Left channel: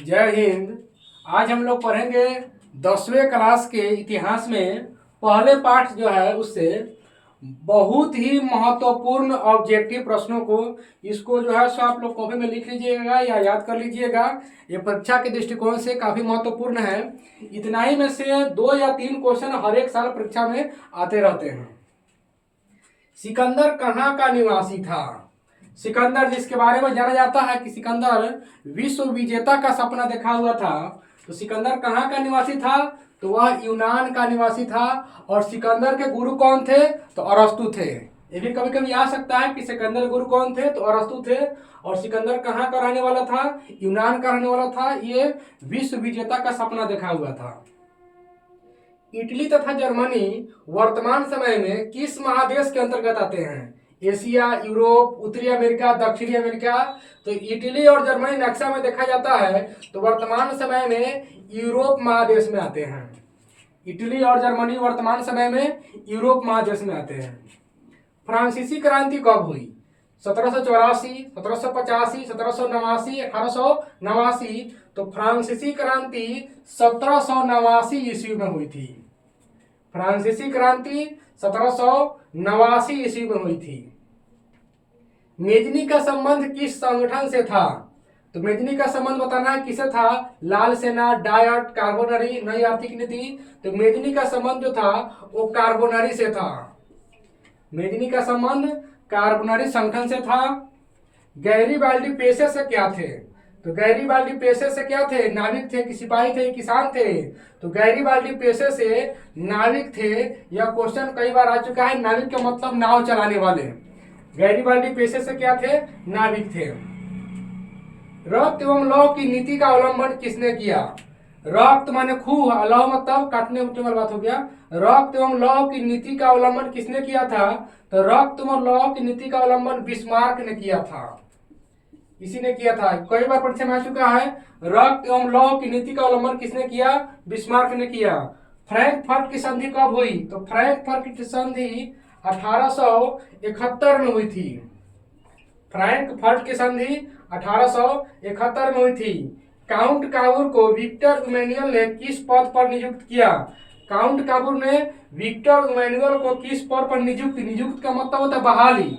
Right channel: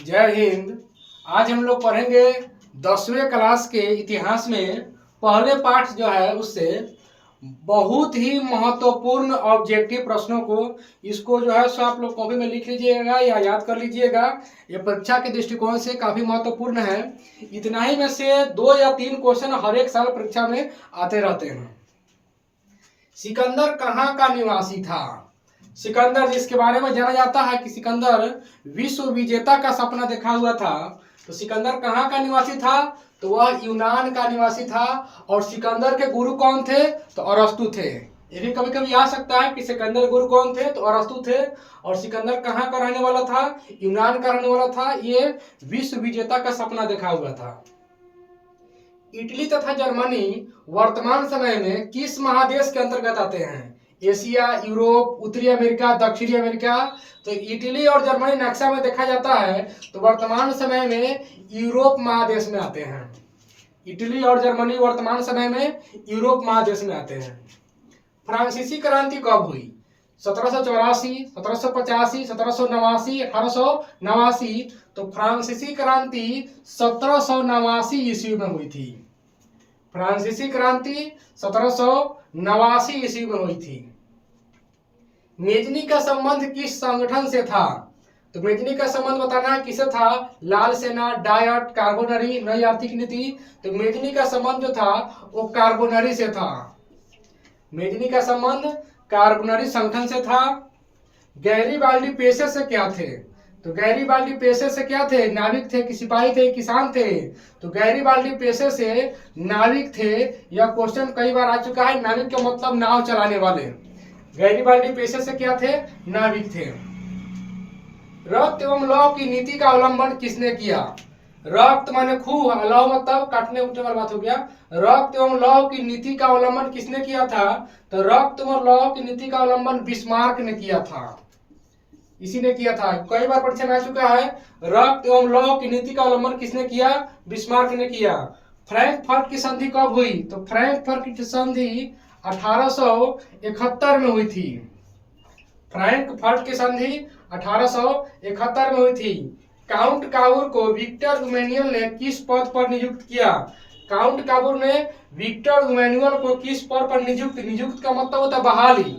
जय हिंद। आज हम लोग पढ़ेंगे 10वें क्लास के इतिहास में पहले पाठ जो है उससे बहुत ही महत्वपूर्ण ऑब्जेक्टिव प्रश्नों को इसको जो है सो आप लोग कॉपी में लिख लीजिएगा या याद कर लीजिएगा। ये परीक्षा के दृष्टिकोण से काफ़ी महत्वपूर्ण है। इतना ही में से 2 या 3 क्वेश्चन हर एक साल परीक्षा में आते रहते हैं। सिकंदर कहाँ का निवासी था? सिकंदर जिसके बारे में जाना जाता है कि सिकंदर विश्व विजेता का सपना देखा हुआ था, तो सिकंदर कहाँ का निवासी था? तो वह यूनान का निवासी था। और सिकंदर के गुरु कौन थे? तो अरस्तु थे। ये भी कभी कभी आ सकता है कि सिकंदर गुरु कौन थे? तो अरस्तु थे। और सिकंदर कहाँ का रहने वाला था? यूनान का रहने वाला था। ये विश्व विजेता का सपना देखा हुआ था। इटली तथा जर्मनी वर्तमान समय में किस महादेश के अंतर्गत आते हैं? एशिया, यूरोप, उत्तरी अमेरिका, दक्षिणी अमेरिका। तो इटली और जर्मनी नक्शा में देखा जाता है तो वर्तमान समय में यूरोप महादेश में आते हैं। इटली और जर्मनी वर्तमान समय में यूरोप महादेश में आते हैं। फ्रांसीसी क्रांति कब हुई? 1784, 1785, 1789, 1889। तो फ्रांसीसी क्रांति 1789 ईस्वी में हुई थी। फ्रांसीसी क्रांति 1789 ईस्वी में हुई थी। मेजनी का संबंध किस संगठन से था? तो मेजनी का संबंध बताना है किसे था? लाल सेना, डायट, कार्बोनरी, नई आर्थिक नीति। तो मेजनी का संबंध जो था वो कार्बोनरी से था। मेजनी का संबंध कार्बोनरी संगठन से था। गैरीबाल्डी पेशे से क्या थे? तो गैरीबाल्डी पेशे से क्या थे? नाविक थे कि सिपाही थे, किसान थे? तो गैरीबाल्डी पेशे से नाविक थे। यह क्वेश्चन कई बार आ चुका है। नाविक का मतलब नाव चलाने वाले। गैरीबाल्डी पेशे से क्या थे? नाविक थे। रक्त एवं लौह की नीति का अवलंबन किसने किया? रक्त माने खूह, लौह मतलब काटने उठने वाला बात हो गया। रक्त एवं लौह की नीति का अवलंबन किसने किया था? तो रक्त एवं लौह की नीति का अवलंबन बिस्मार्क ने किया था। इसी ने किया था। कई बार परीक्षा में आ चुका है। रक्त एवं लौह की नीति का अवलंबन किसने किया? बिस्मार्क ने किया। फ्रैंकफर्ट की संधि कब हुई? तो फ्रैंकफर्ट की संधि 1871 में हुई थी। फ्रैंकफर्ट की संधि 1871 में हुई थी। काउंट काबूर को विक्टर इमैनुअल ने किस पद पर नियुक्त किया? काउंट काबूर ने विक्टर इमैनुअल को किस पद पर नियुक्त का मतलब होता है बहाली।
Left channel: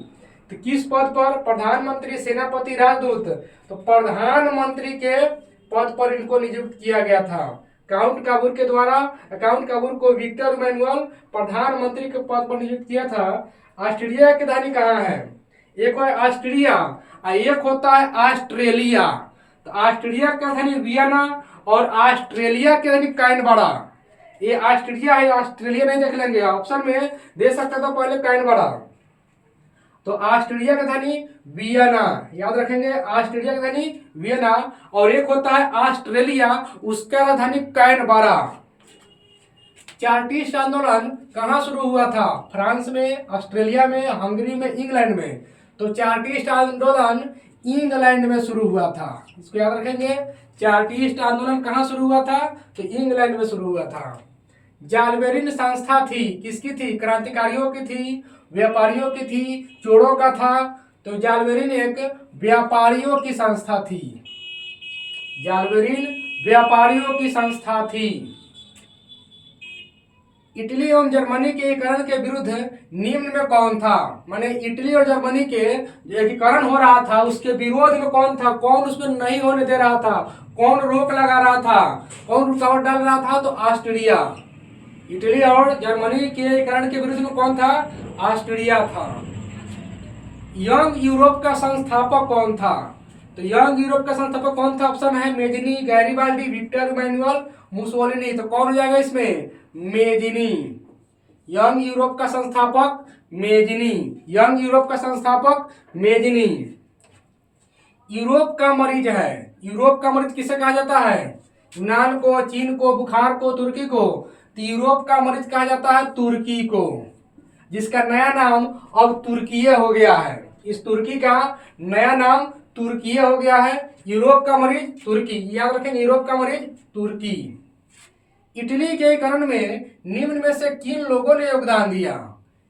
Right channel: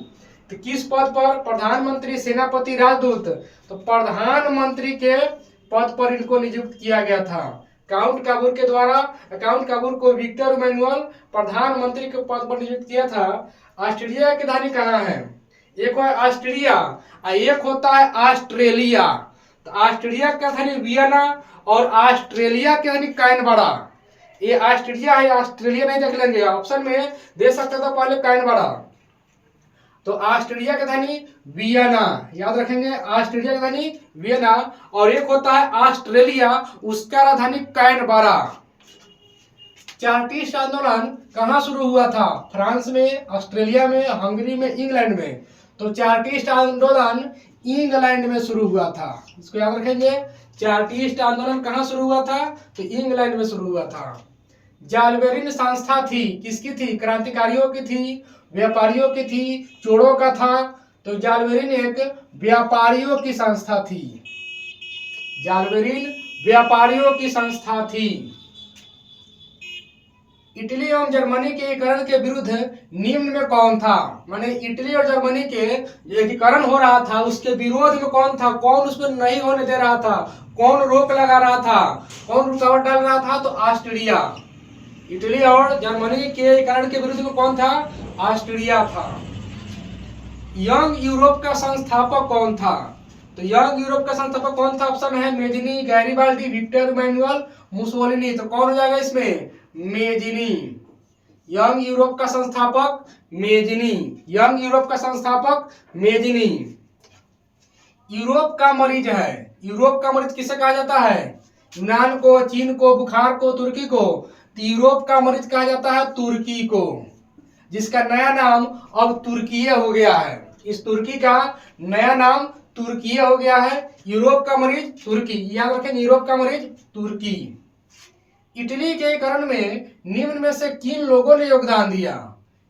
तो किस पद पर? प्रधानमंत्री, सेनापति, राजदूत। तो प्रधानमंत्री के पद पर इनको नियुक्त किया गया था। काउंट काबूर के द्वारा काउंट काबूर को विक्टर इमैनुअल प्रधानमंत्री के पद पर नियुक्त किया था। ऑस्ट्रेलिया की राजधानी कहाँ है? एक है ऑस्ट्रिया और एक होता है ऑस्ट्रेलिया। तो ऑस्ट्रिया की राजधानी वियना और ऑस्ट्रेलिया की राजधानी कैनबरा। ये ऑस्ट्रिया है, ऑस्ट्रेलिया नहीं देख लेंगे, ऑप्शन में दे सकते तो पहले कैनबरा। तो ऑस्ट्रेलिया की राजधानी वियना, याद रखेंगे, ऑस्ट्रेलिया की राजधानी वियना। और एक होता है ऑस्ट्रेलिया, उसका राजधानी कैनबरा। चार्टिस्ट आंदोलन कहाँ शुरू हुआ था? फ्रांस में, ऑस्ट्रेलिया में, हंगरी में, इंग्लैंड में। तो चार्टिस्ट आंदोलन इंग्लैंड में शुरू हुआ था। इसको याद रखेंगे। चार्टिस्ट आंदोलन कहाँ शुरू हुआ था? तो इंग्लैंड में शुरू हुआ था। जालबेरिन संस्था थी, किसकी थी? क्रांतिकारियों की थी, व्यापारियों की थी, चोरों का था? तो जालबेरिन एक व्यापारियों की संस्था थी। जालबेरिन व्यापारियों की संस्था थी। इटली एवं जर्मनी के एकीकरण के विरुद्ध निम्न में कौन था? माने इटली और जर्मनी के एकीकरण हो रहा था, उसके विरोध में कौन था? कौन उसमें नहीं होने दे रहा था? कौन रोक लगा रहा था? कौन रुकावट डाल रहा था? तो ऑस्ट्रिया। इटली और जर्मनी के एकीकरण के विरुद्ध में कौन था? ऑस्ट्रिया था। यंग यूरोप का संस्थापक कौन था? तो यंग यूरोप का संस्थापक कौन था? ऑप्शन है Mazzini, Garibaldi, Victor Emmanuel, Mussolini. तो कौन हो जाएगा इसमें? मेजनी। यंग यूरोप का संस्थापक मेजनी। यंग यूरोप का संस्थापक मेजनी। यूरोप का मरीज है। यूरोप का मरीज किसे कहा जाता है? यूनान को, चीन को, बुखार को, तुर्की को। तो यूरोप का मरीज कहा जाता है तुर्की को, जिसका नया नाम अब तुर्कीय हो गया है। इस तुर्की का नया नाम तुर्कीय हो गया है। यूरोप का मरीज तुर्की, याद रखेंगे, यूरोप का मरीज तुर्की। इटली के एकीकरण में निम्न में से किन लोगों ने योगदान दिया?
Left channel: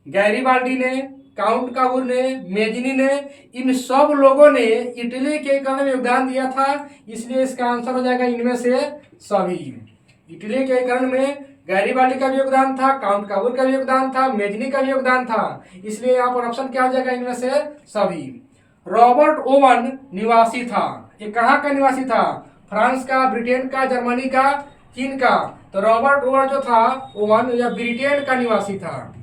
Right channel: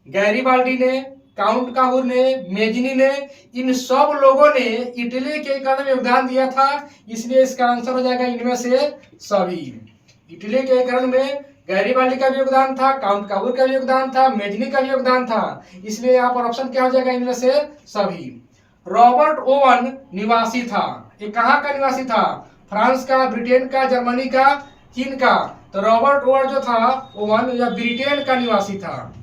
गैरीबाल्डी ने, काउंट काबूर ने, मेजनी ने, इन सब लोगों ने इटली के एकीकरण में योगदान दिया था। इसलिए इसका आंसर हो जाएगा इनमें से सभी। इटली के एकीकरण में गैरीबाल्डी का भी योगदान था, काउंट काबूर का भी योगदान था, मेजनी का भी योगदान था। इसलिए यहाँ पर ऑप्शन क्या हो जाएगा, इनमें से सभी। रॉबर्ट ओवन निवासी था, ये कहाँ का निवासी था? फ्रांस का, ब्रिटेन का, जर्मनी का, चीन का? तो रॉबर्ट ओवन जो था, ओवन या ब्रिटेन का निवासी था।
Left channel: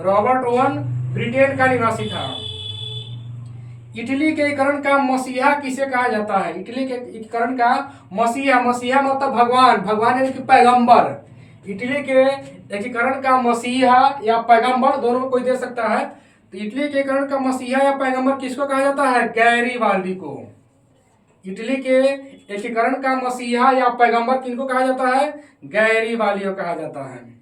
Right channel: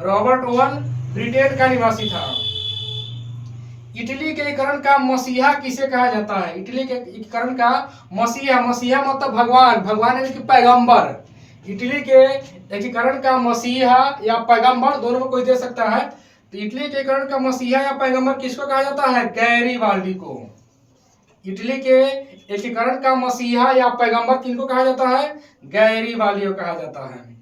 रॉबर्ट ओवन ब्रिटेन का निवासी था। इटली के एकीकरण का मसीहा किसे कहा जाता है? इटली के एकीकरण का मसीहा, मसीहा मतलब भगवान, भगवान यानी कि पैगंबर। इटली के एकीकरण का मसीहा या पैगंबर, दोनों में कोई दे सकता है। तो इटली के एकीकरण का मसीहा या पैगंबर किसको कहा जाता है? गैरीबाल्डी को। इटली के एकीकरण का मसीहा या पैगंबर किनको कहा जाता है? गैरीबाल्डी को कहा जाता है।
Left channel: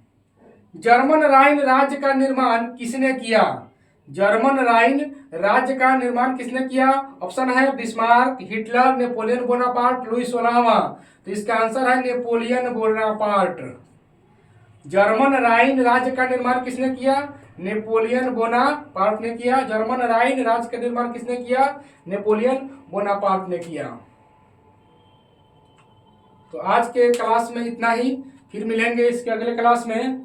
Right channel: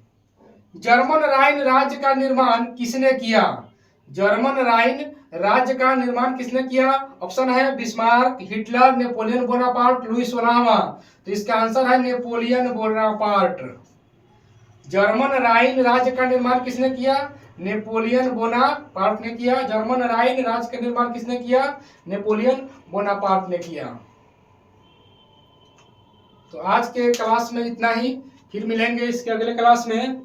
जर्मन राइन राज्य का निर्माण किसने किया? जर्मन राइन राज्य का निर्माण किसने किया? ऑप्शन है Bismarck, Hitler, Napoleon Bonaparte, Louis 16वां। तो इसका आंसर है नेपोलियन बोनापार्ट। जर्मन राइन राज्य का निर्माण किसने किया? नेपोलियन बोनापार्ट ने किया। जर्मन राइन राज्य का निर्माण किसने किया? नेपोलियन बोनापार्ट ने किया। तो आज के क्लास में इतना ही, फिर मिलेंगे इसके अगले क्लास में।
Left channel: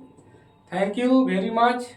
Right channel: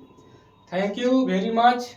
Thank you very much.